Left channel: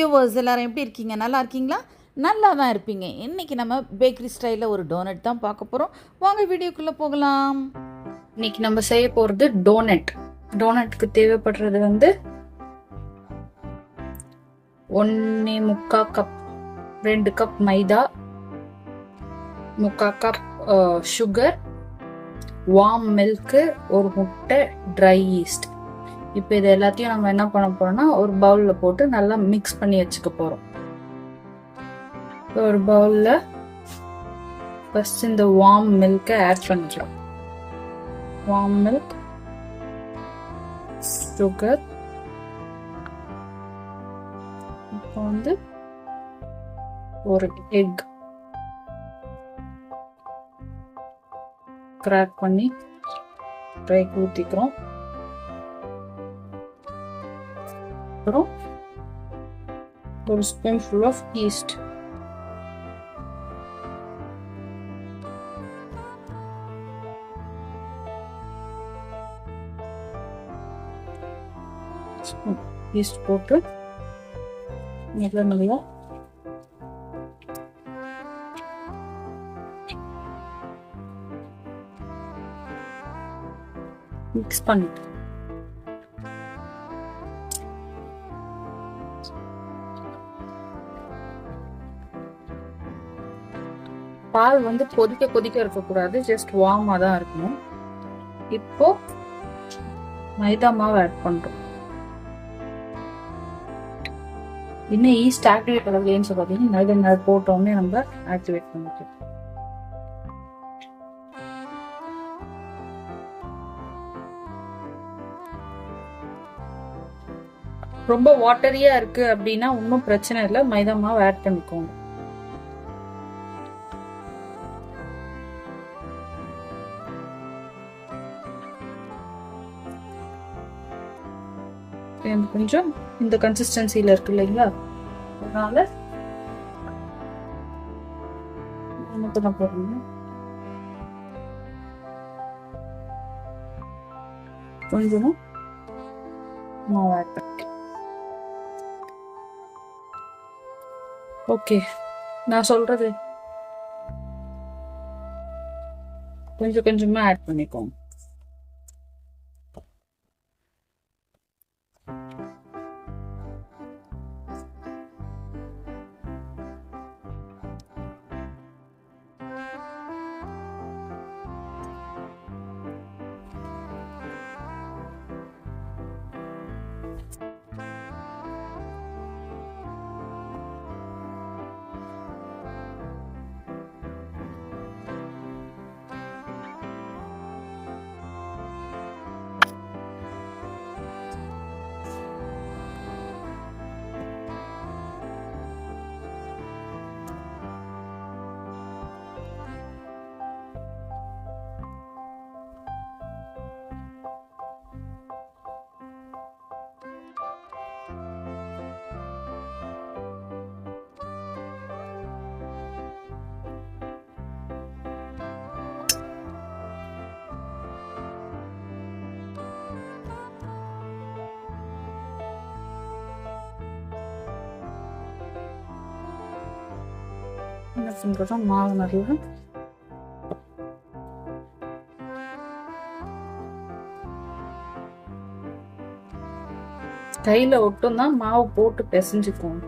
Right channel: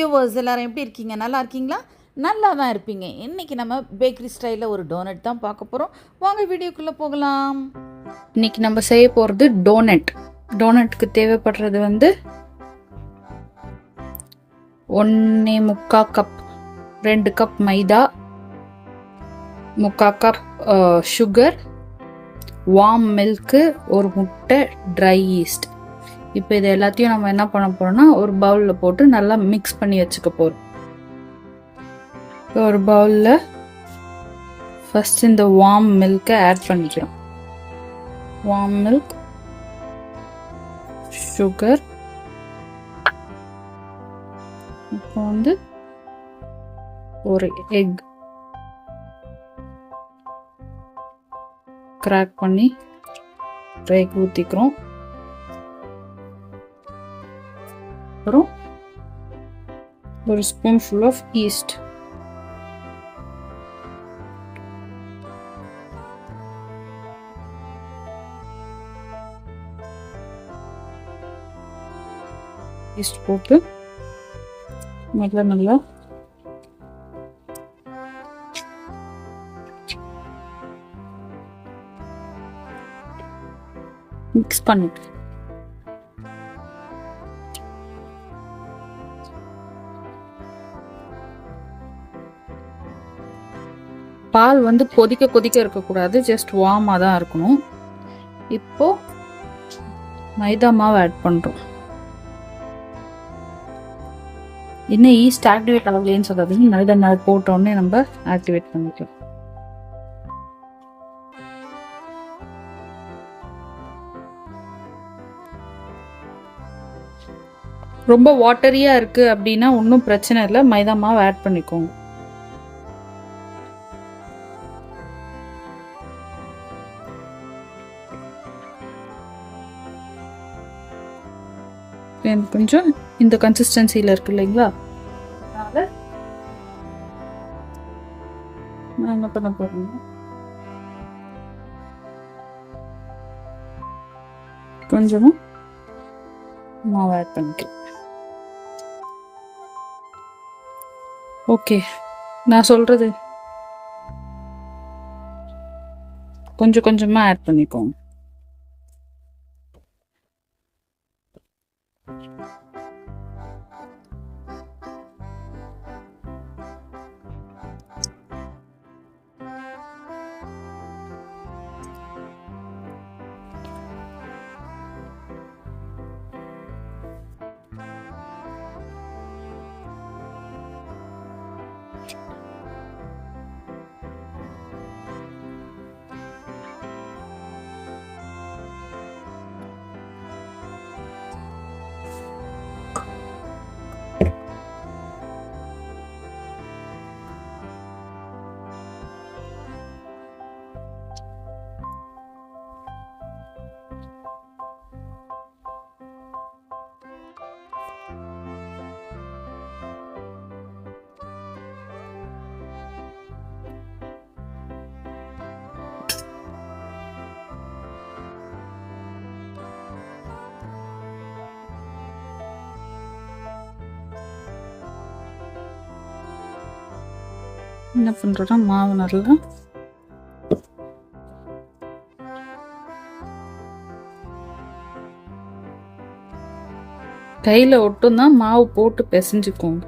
Viewers எல்லாரும் எப்படி இருக்கீங்க? நல்லா இருக்கீங்களா? நல்லா தான் இருப்பீங்க. இன்றைக்கி நம்ம பேக்கரி ஸ்டைலில் ஒரு டோனட் தான் பார்க்க போகிறோம். வாங்க வீடியோக்குள்ளே போகலாம். இன்னைக்கு நம்ம செய்ய போகிறது டோனட். டோனட்டுக்கு தேவைப்படுறது 1.25 கப், 2 கப் மைதா, 3/4 கப் சுகர், வார்ம் மில்க்கு, ஒரு முட்டை, ட்ரை ஈஸ்ட். இப்போ இது எல்லாத்தையும் நம்ம என்ன பண்ண போறோம்னா ஒரு பவுலில் போட்டு நல்லா மிக்ஸ் பண்ணி வச்சுக்க போகிறோம். ஒரு பவுலில் ஃபர்ஸ்ட் இந்த வார்ம் மில்கை ஆட் பண்ணிக்கலாம். வார்ம் மில்க், சுகர், இப்போ ஒரு எக் கிராக் பண்ணி ட்ரைக்கு ஊற்றிக்கிறோம். அப்புறம் ஒரு spoon full of yeast, yeast போட்டு நல்லா மிக்ஸ் பண்ணிட்டு பால் கொதிக்க இருக்கக்கூடாது, ஜஸ்ட் வார்மாக தான் இருக்கணும். இப்போ மைதா மாவு ஆட் பண்ணுறோம். இன்னும் ஈஸ்ட் ஆக்டிவேட் ஆகலைன்னு சொல்லாதீங்க, மைதா மாவு போட்டோடனே நம்ம ஆக்டிவேட் பண்ணிக்கலாம். ரொம்ப வாட்டரியா இருக்கு அப்படின்னா ஒன்றும் பிரச்சனை இல்லை, மைதா மாவு ஆட் பண்ணிக்கோங்க. கொஞ்சம் இந்த கன்சிஸ்டன்சியில் இருக்கு இல்லைங்களா, அதனால நான் என்ன பண்ண போறேன், கொஞ்சமும் மாவு ஆட் பண்ணிக்கலாம். ஓகே, நான் சொல்றது கொஞ்சம் கொஞ்சமா ஆட் பண்ணிக்கோங்க. என்ன பண்றோம்னா மாவு நல்லா கையில ஒட்டும் தான், மாவு போட்டு பிசைஞ்சுக்கோங்க.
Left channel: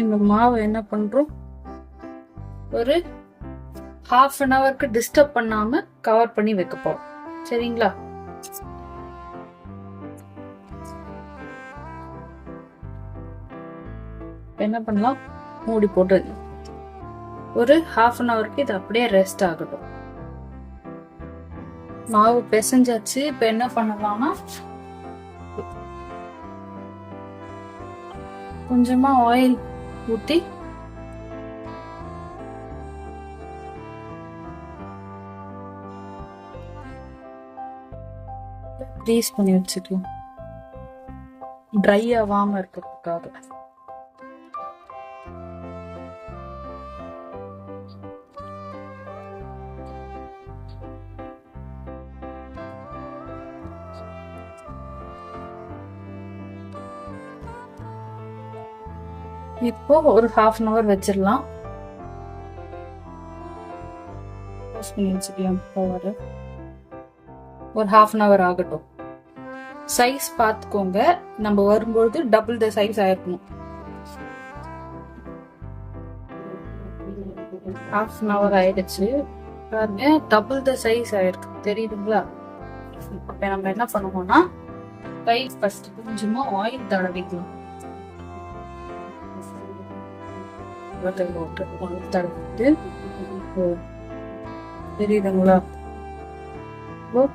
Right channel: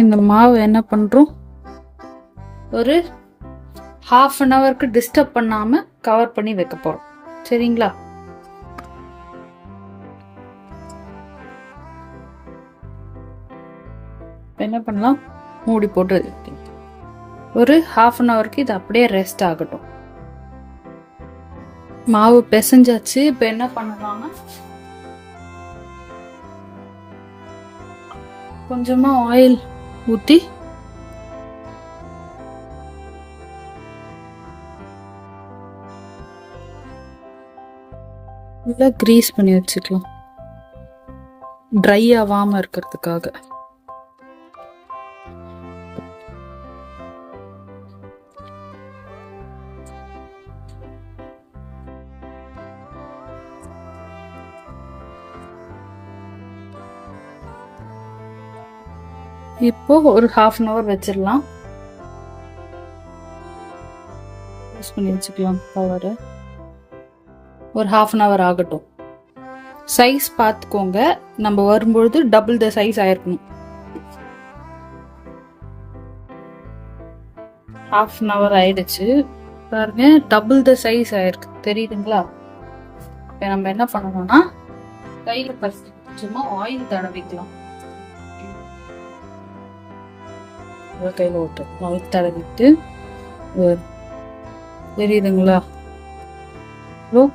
இந்த மாவு என்ன பண்றோம், ஒரு 1/2 an hourக்கு டிஸ்டர்ப் பண்ணாம கவர் பண்ணி வைக்க போறோம். சரிங்களா? என்ன பண்ணலாம், மூடி போட்டு ஒரு 1/2 an hourக்கு இது அப்படியே ரெஸ்ட் ஆகட்டும். மாவு பிசைஞ்சாச்சு. இப்ப என்ன பண்ணலாம்னா, கொஞ்சமா ஆயில் ஊத்தி நல்லா கிரீஸ் பண்ணி வச்சுக்கலாம், ட்ரை ஆகாம இருக்கிறதுக்காக. இப்போ ஒரு 1/2 an hour வச்சிடலாம். பண்ணி வச்சுக்கலாம் கவர். ஒரு 1/2 an hour ஆகட்டும். சைஸ் பார்த்துக்கோங்க, நம்ம வரும்பொழுது டபுள் த சைஸ் ஆயிருக்கணும். 1/2 an hour ஆயிடுச்சு பாருங்க, டபுள் த சைஸ் ஆயிருக்கு, தெரியுதுங்களா? இப்போ நம்ம என்ன பண்ணணும்னா, கையில் ஃபர்ஸ்ட் கொஞ்சமா ஆயில் தடவிக்கலாம். கையில் விட்டு ஆயில் தடவிட்டு, தெரியுதுங்களா?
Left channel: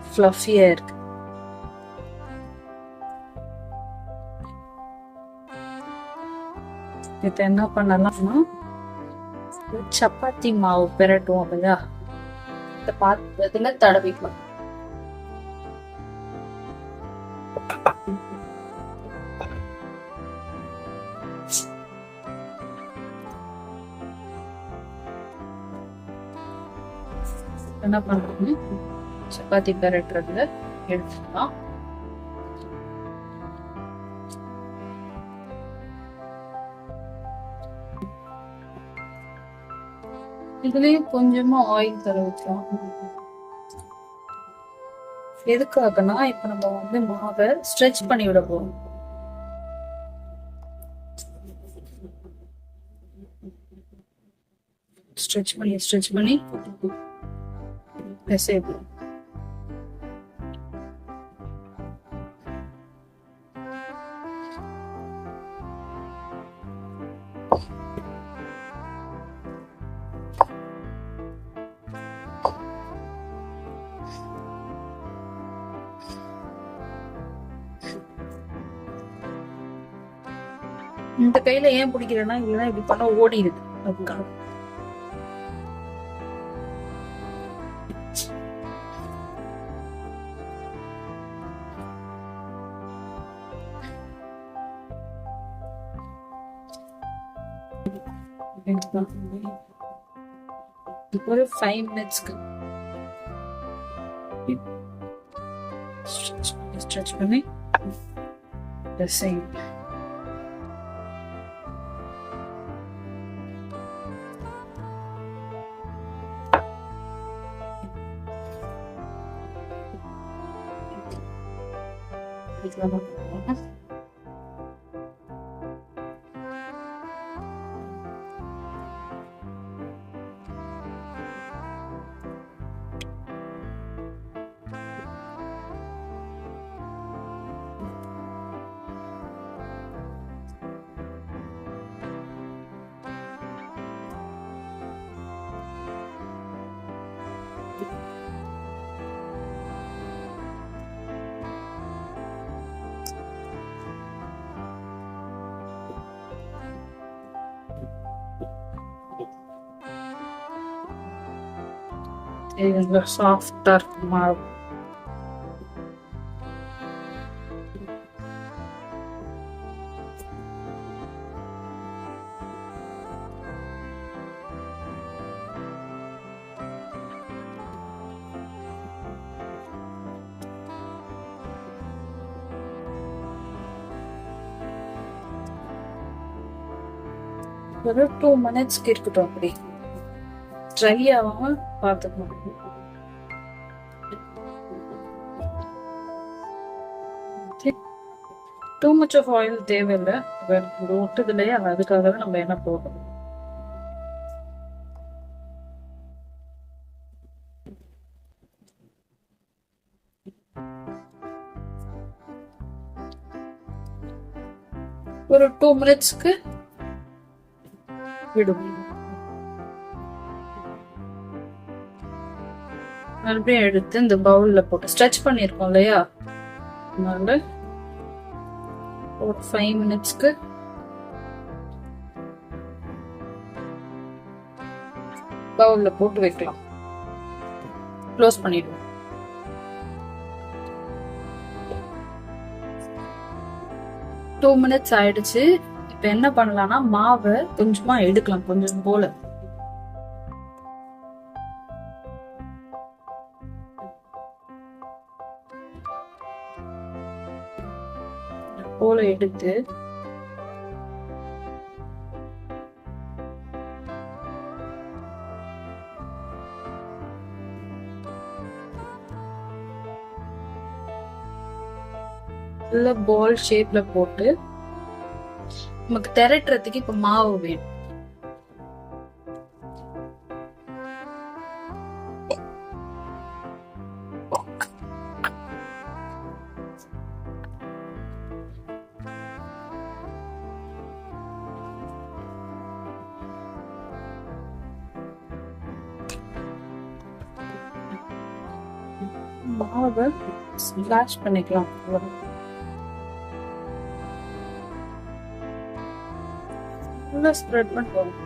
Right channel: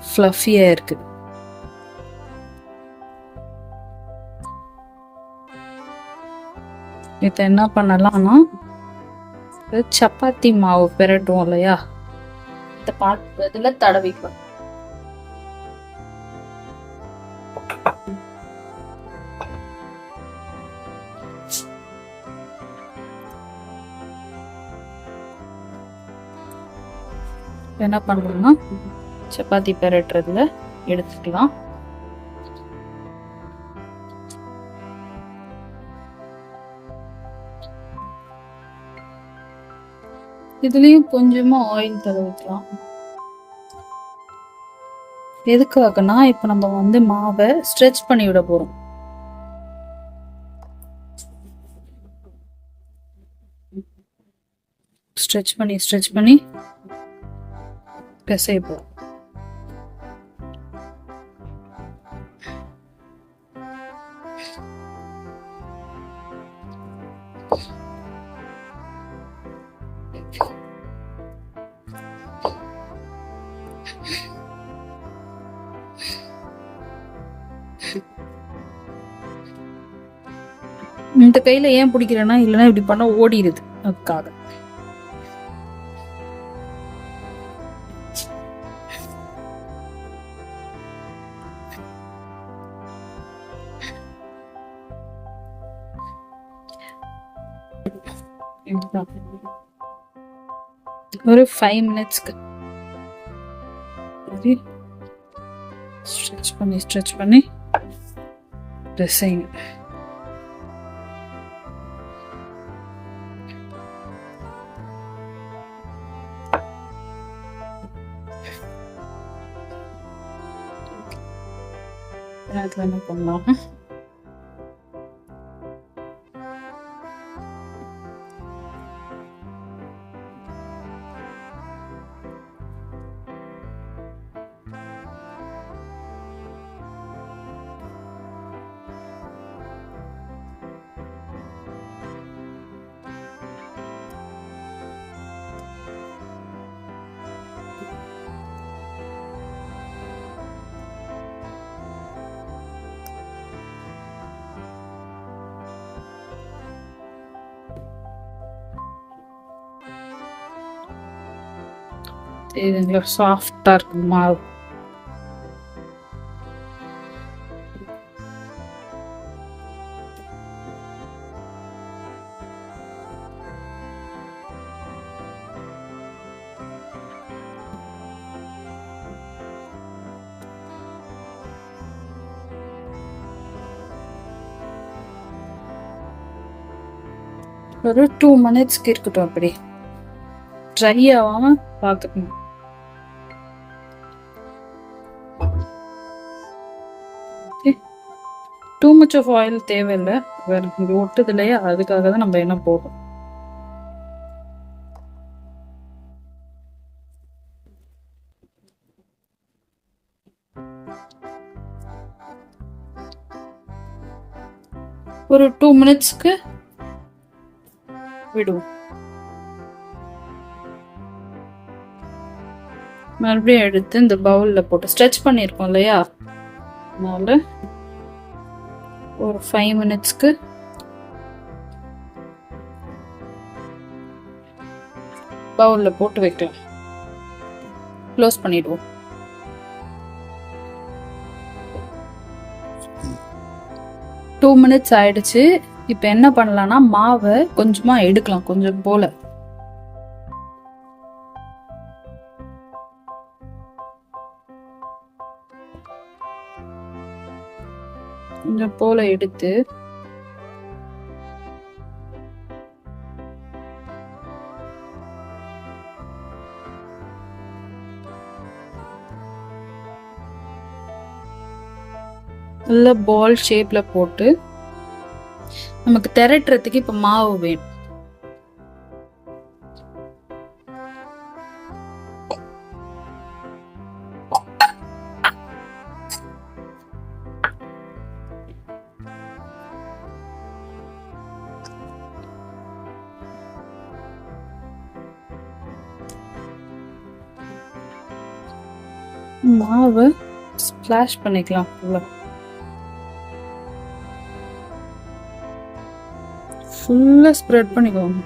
ஃப்ளஃபியா இருக்கு. இதை என்ன பண்ணலாம்னா, சப்பாத்தி மாவு பெரட்டும் இல்லையா, இந்த பாத்திரத்துல தடவிக்கலாம். என்ன பண்றோம்னா, சப்பாத்தி பெரட்டுறதுல எடுத்துக்கலாம். இதுலயும் கொஞ்சமா ஆயில் தடவிக்கலாம். எதுக்காகனா, இப்ப நம்ம வந்து மாவை ஸ்ட்ரெச் பண்ணி விட போறோம். ஸ்ட்ரெச் பண்ணி பிசைய போறோம். இந்த கையில ஏன் பிடிக்கிறேன்னா, இல்லைன்னா இப்படி பண்ண ஓடிடுது, அதுக்காக. ஒரு 5 minutesக்கு ஸ்ட்ரெச் பண்ணி ட்ரெஸ்ஸிங். என்ன பண்ணலாம், இது சாஃப்டா இருக்கு மாவு. ஒரு 2 minutesக்கு இருக்கட்டும், அப்படி ட்ரை ஆகாம பார்த்துக்கணும். டூ மச் ஆஃப் ஆயில் தேவையில்லை, இங்கே ஒட்டுது இல்லையா, அதுக்காக தான் நம்ம என்ன போடுறோம். ஒரு 2 மினிட்ஸ்க்கு விடுவோம். மறுபடியும் எடுத்து இந்த பவுல்ல போட்டு ஸ்ட்ரெச் பண்ணியிருக்கோம் இல்லையா, அதனால ஒரு 5 மினிட்ஸ்க்கு பவுல்ல போட்டு வைக்கலாம். க்ளோஸ் பண்ணிடுவோம். டூ மினிட்ஸ் ஆயிடுச்சு. இப்போ என்ன பண்ணலாம்னா மாவை கொஞ்சமா எடுக்கலாம், கொஞ்சம் போல. கொஞ்சம் போல எடுத்து நல்ல பால் ஷேப்ல போட்டு நமக்கு திரட்டுறதுக்கு இப்ப மாவு வேணும். மாவு ஸ்பிளாஷ் பண்ணிக்கலாம். ஃபுல்லா ஸ்ப்ரெட் பண்ணிக்கோங்க.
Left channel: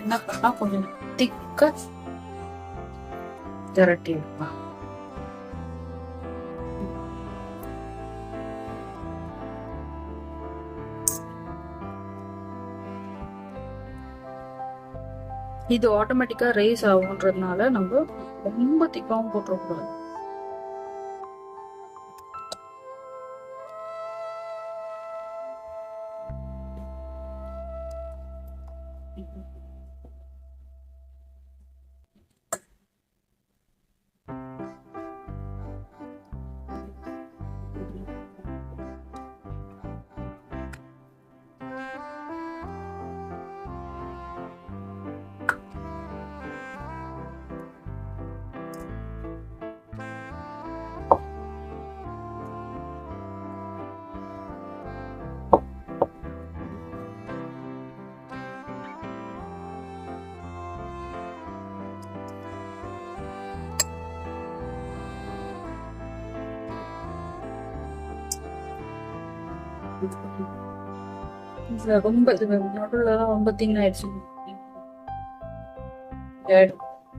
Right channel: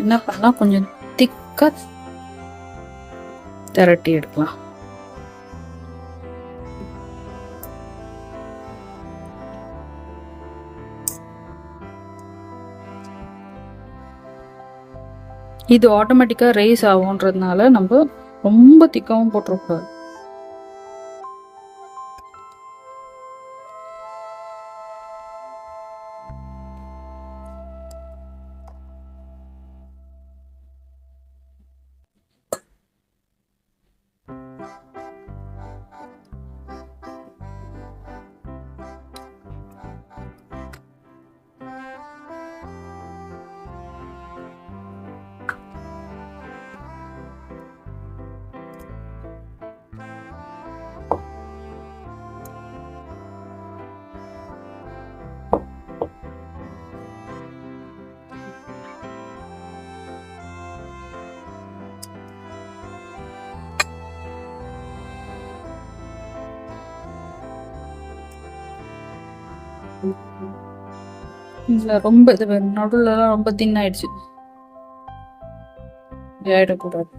என்ன பண்ணலாம், கொஞ்சம் திக்கா திரட்டி எடுக்கலாம். இது ஆட்டோமேட்டிக்கா ரைஸ் ஆகும்ன்றதுனால நம்ம ரொம்ப திக்காவும் போட்டுறக்கூடாது. ரொம்ப நடுவுல எல்லாம் ரொம்ப தின்னாயிடுச்சு, ஆயிடக்கூடாது.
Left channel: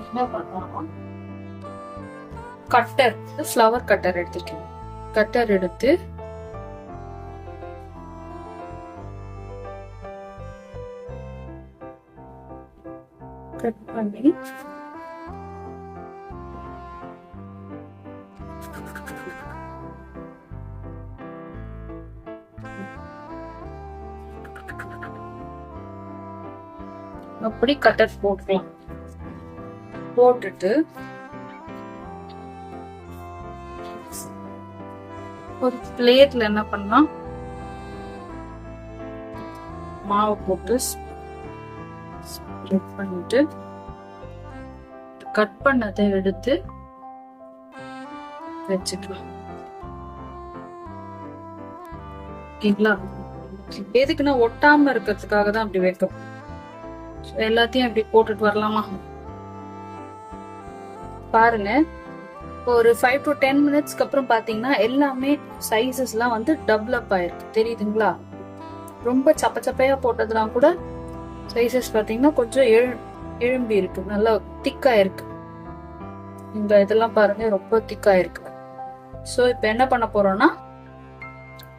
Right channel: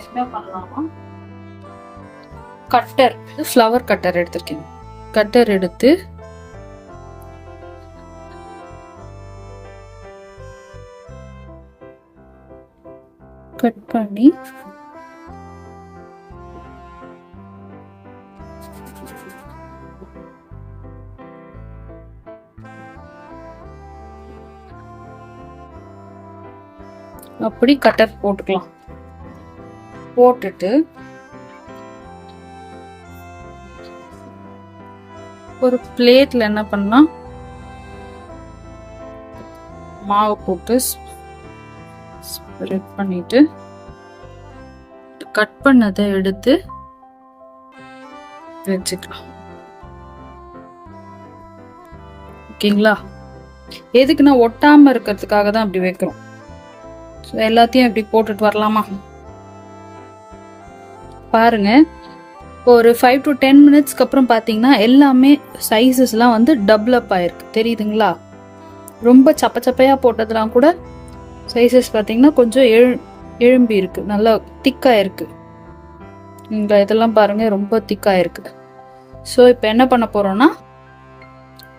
என்ன பண்ணலாம், கட்டர், ஃப்ளவர் கட்டர் எடுத்திருக்கேன். கட்டர் எடுத்து கட் பண்ணி அப்படி கட்டர் போட்டுக்கலாம். போட்டுட்டு ஒரு பிளேட்ல என்ன பண்ணலாம், மாவு போட்டு ஸ்ப்ரெட் பண்ணிட்டு கட் பண்ணதை எடுத்து வச்சுக்கலாம். ஓகேங்களா? எதுக்குன்னா ஒட்டாம இருக்கிறதுக்காக தான் அப்படி வைக்கிறோம். எல்லாத்தையும் அப்படி போட்டுட்டு வரலாமா? பாருங்க, ஒரு 5 to 10 மினிட்ஸ்க்கு அப்புறம் பாத்தீங்கன்னா எல்லாமே சைஸஸ்லாம் வந்து டபுள் அப் ஆயிருக்கு. தெரியுதுங்களா? ரொம்ப சப்ப சப்பையா போட்டதெல்லாம் கூட சைஸஸ் பாத்தீங்கன்னா கொஞ்சம் எழும்பி இருக்கு, நல்லா திக்கா இருக்கு. இங்கே இதெல்லாம் பாருங்க ரொம்ப திக்காக இருக்கு. ஸோ இப்போ என்ன பண்ண போறோம்னா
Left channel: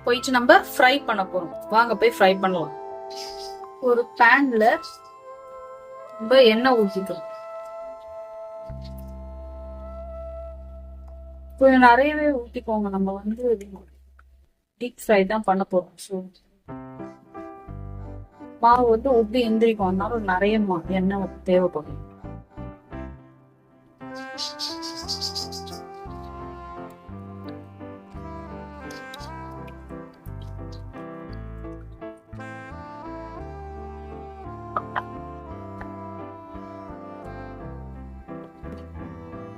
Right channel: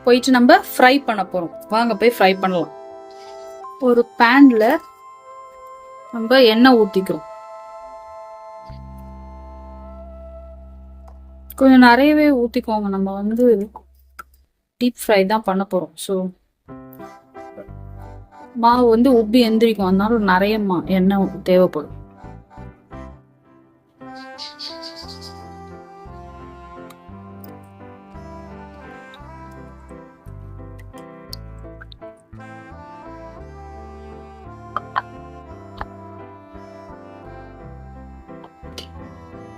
போயிட்டு நம்ம ஃப்ரை பண்ண போறோம். வாங்க போய் ஃப்ரை பண்ணலாம். ஒரு பேன்ல நம்ம எண்ணெய் ஊற்றிக்கிறோம். கொஞ்சம் நிறையவே ஊற்றிக்கோங்க. நம்ம வந்து டீப் ஃப்ரை தான் பண்ண போறோம். ஸோ மாவு வந்து உப்பி எந்திரிக்கும், அதனால நிறைய எண்ணெய் தேவைப்படும்.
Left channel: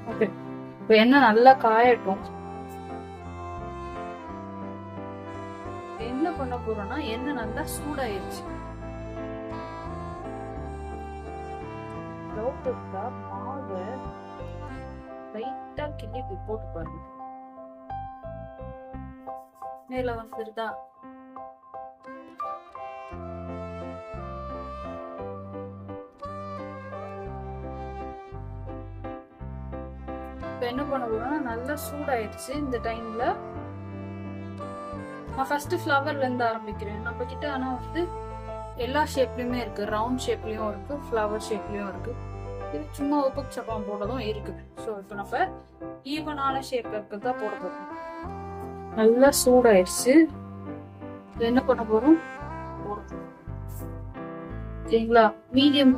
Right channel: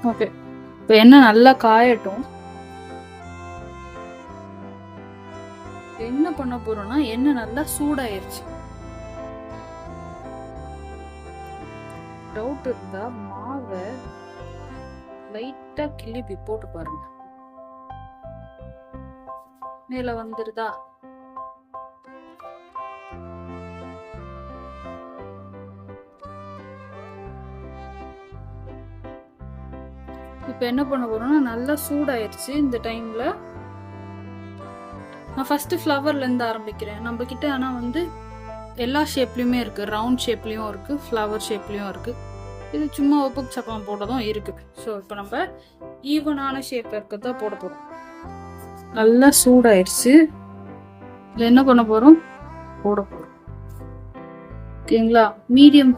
ஓகே, இப்போ எண்ணெய் நல்லா காயட்டும். என்ன பண்ண போறோம்னா எண்ணெய் நல்லா சூடாயிருச்சு. டவுட் இருந்தா மாவை லைட்டா கிள்ளி போட்டு பாருங்க. மேல வந்துருதா? இப்ப என்ன பண்ண போறோம்னா நல்லா சூடாயிருச்சு. இந்த டைம்ல நான் ஃபர்ஸ்ட் ஃப்ளவர்ல இருந்து ஆரம்பிக்கிறேன். நம்ம கிட்ட ஆனா வந்து எல்லா ஷேப்லயுமே இருக்கு. ரவுண்ட் ஷேப்லயும் இருக்கு, ஃப்ளவர் ஷேப்லயும் இருக்கு. இது சும்மா ஒப்புக்கு சப்பம் போட்டதும் இருக்கு. ஸோ இப்போ நம்ம ஈவனான ஷேப்ல இருக்கிறதா போட போறோம். நல்லா சூடாயிருச்சு. இதுல என்ன பண்ண போறோம்? போட போறோம். ஓகேங்களா? மீடியம்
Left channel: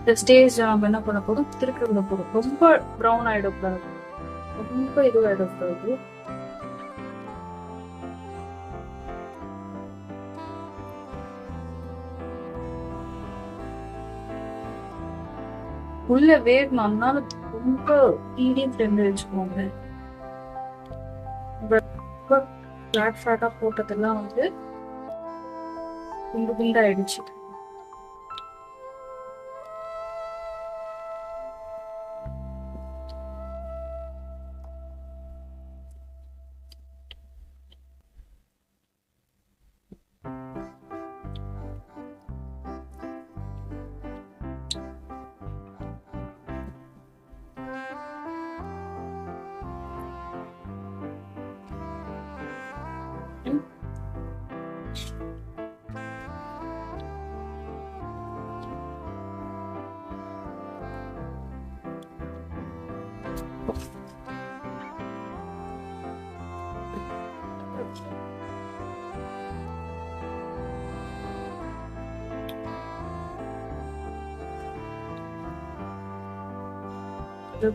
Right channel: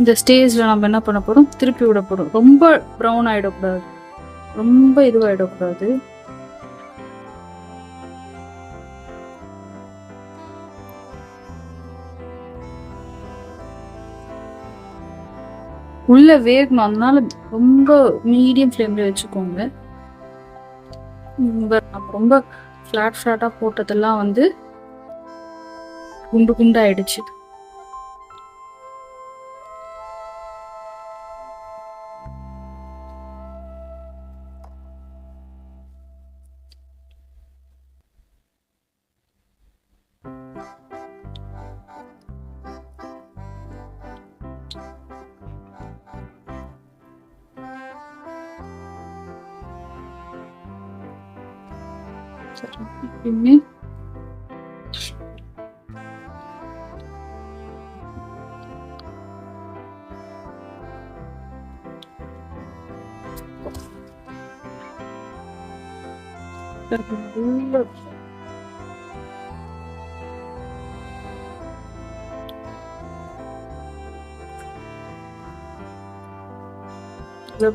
இந்த ஸ்டேஜ்ல நம்ம என்ன பண்ண போறோம்? திருப்பி விட போறோம். ரொம்ப ப்ரௌன் ஆயிடக்கூடாது, ரொம்ப இதுவாயிடக்கூடாது. உள்ள வேகணும், அதனால ரொம்ப மீடியம் ஃப்ளேம்ல வச்சுக்கோங்க. ரொம்ப ஃபிளாட்டா போட்டதெல்லாம் வந்து குண்டு குண்டாயிடுச்சு.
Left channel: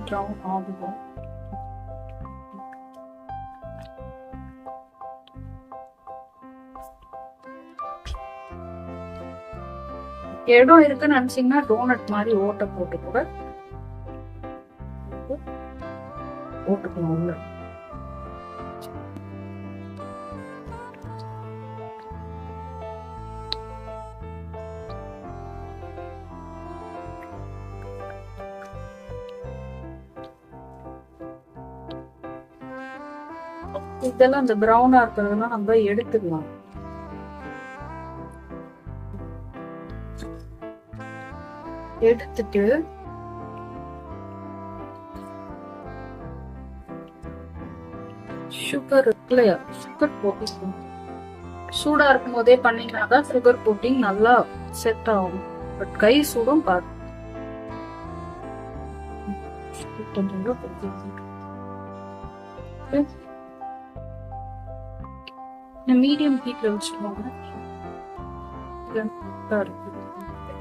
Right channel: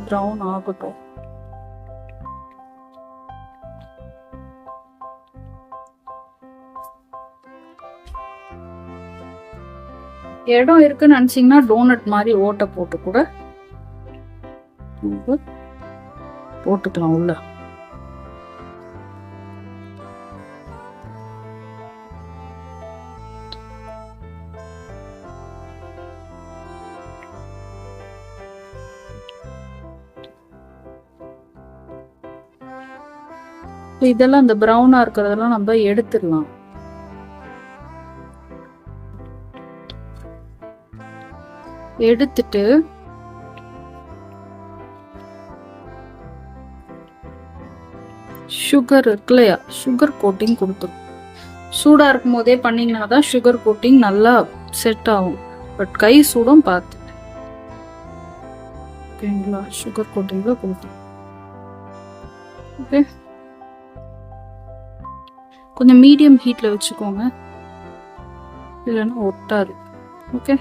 ப்ரௌன் ஆகட்டும். இடம் இருக்குன்னு நினைச்சீங்கன்னா டோனட் மாதிரி ஓட்டை போட்டு கூட போட்டுக்கலாம் உள்ள. இதெல்லாம் இந்த ப்ரௌனா இருக்கிறதெல்லாம் நம்ம எடுத்துடலாம். எடுத்துட்டு சுகர் இருக்கு இல்லையா, சுகர் கோட்டிங் கொடுத்துரும். சூடா இருக்கும் போதே பண்ணீங்கன்னா தான் சுகர் கோட்டிங் நல்லா செட் ஆகும். பட் கை சூடும் பார்த்து. ஓகேங்களா? சுகர் கோட்டிங் கொடுத்துரும். ஓகே, கொஞ்சம் மீடியம் ஹீட்ல வச்சுக்கோங்க, இல்லைன்னா ஒட்டா இருக்கு. ஓகே,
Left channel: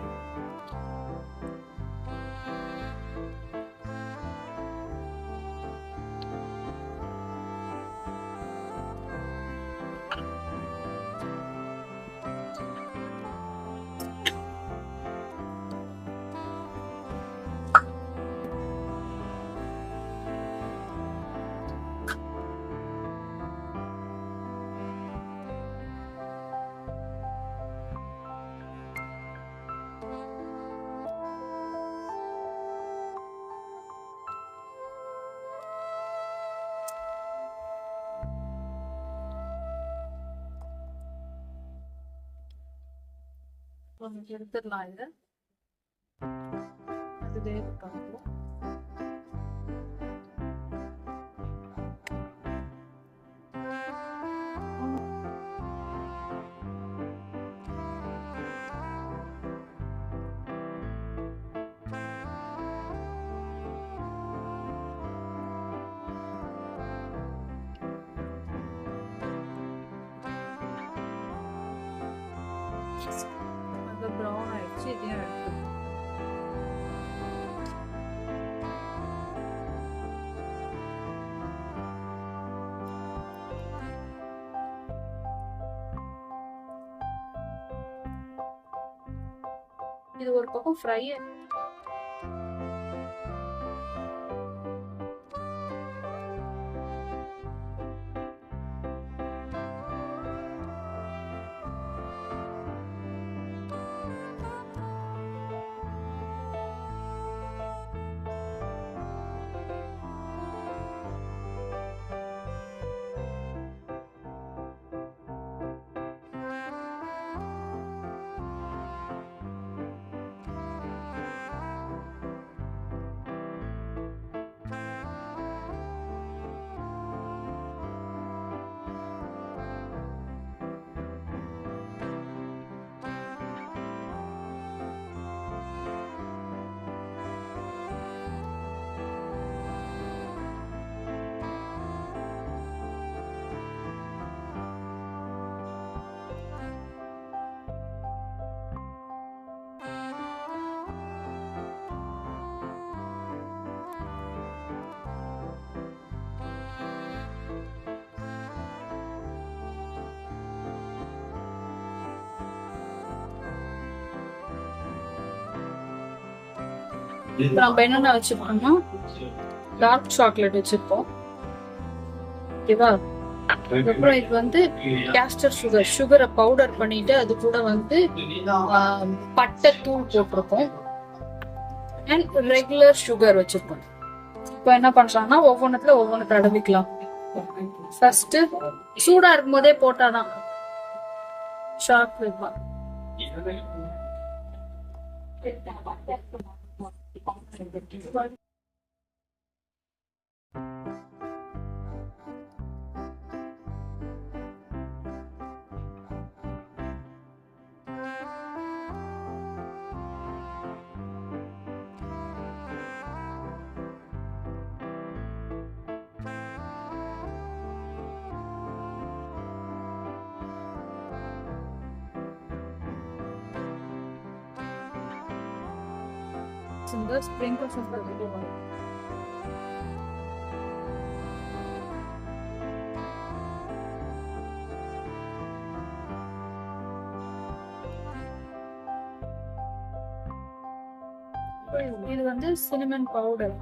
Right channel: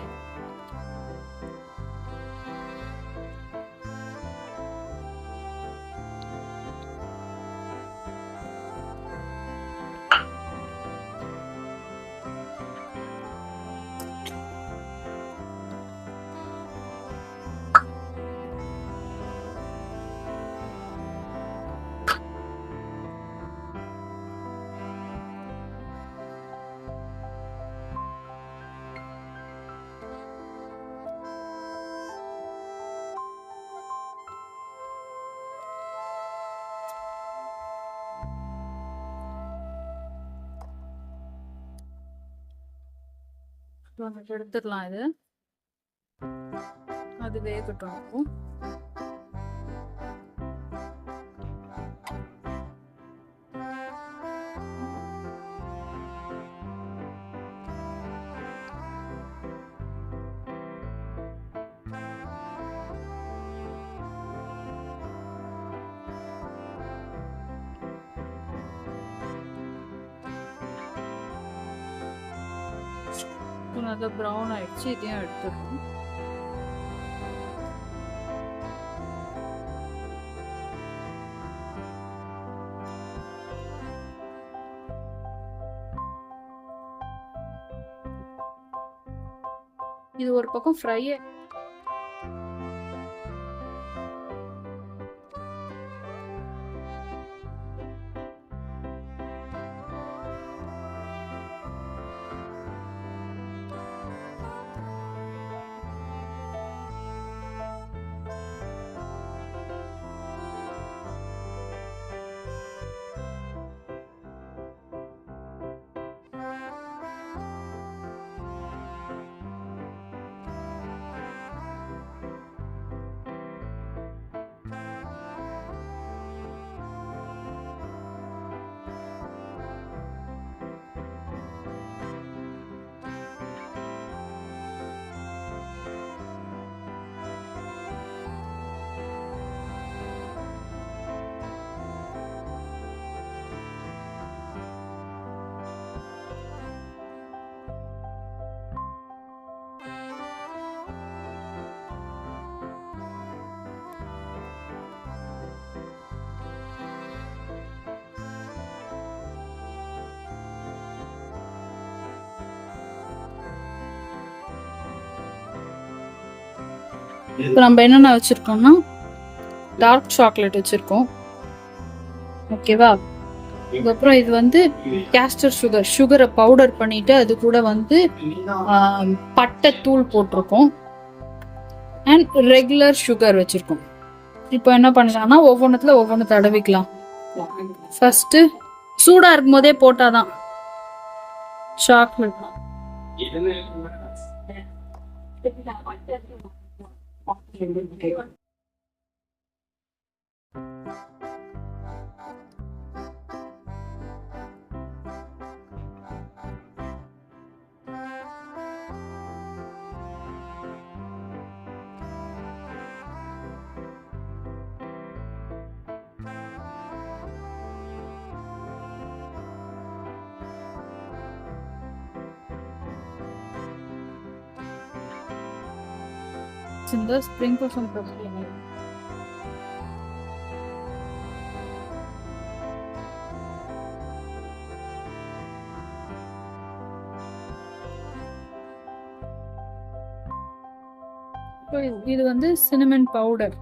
எடுத்துடலாம். இது அது வேகட்டும். அது ப்ரௌன் ஆயிடுச்சு. இதையும் எடுத்துக்கணும். இது ஒரு பக்கம் ஃப்ரை. இப்போ நம்ம என்னென்ன வச்சிருக்கோம்னா டார்க் சாக்லேட் வச்சிருக்கோம். ஓகேவா? அதுக்கப்புறம் இது வந்து கேஸ்டர் சுகரை பவுடர் பண்ணிட்டு அது கூட வந்து பட்டை தூள் போட்டிருக்கோம். அண்ட் ரெகுலர் சுகர் வச்சிருக்கோம். இப்போ என்ன பண்ணலாம்னா ஒவ்வொன்று தடவிக்கலாம். ஃபர்ஸ்ட் சூடா இருக்கும் போதே போட்டாதான் சாக்லேட். இந்த ஸ்ப்ரிங்கிள்ஸ் போட்டுக்கலாம். இது வந்து சினமன் பவுடர்.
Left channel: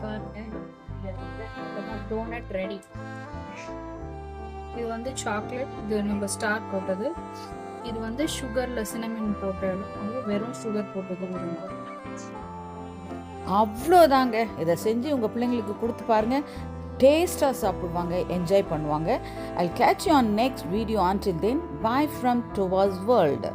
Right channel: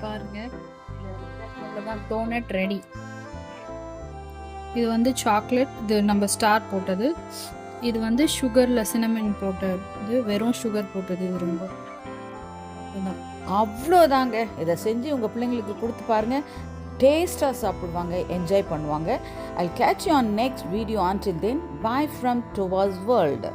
பாருங்க, டோனட் ரெடி. இது வந்து சாக்லேட், இது நம்ம ஸ்டார் போட்டது. இது வந்து சுகர்ல சினமன் போட்டது, இது வெறும் சுகர் போட்டது. அவ்வளோதாங்க. இதை செஞ்சு உங்கள் பிள்ளைங்களுக்கு கொடுத்து பாருங்க, டேஸ்ட்டாக சாப்பிடுவாங்க, என்ஜாய் பண்ணுவாங்க. I'll catch you on next video. Until then, bye from Tova's World.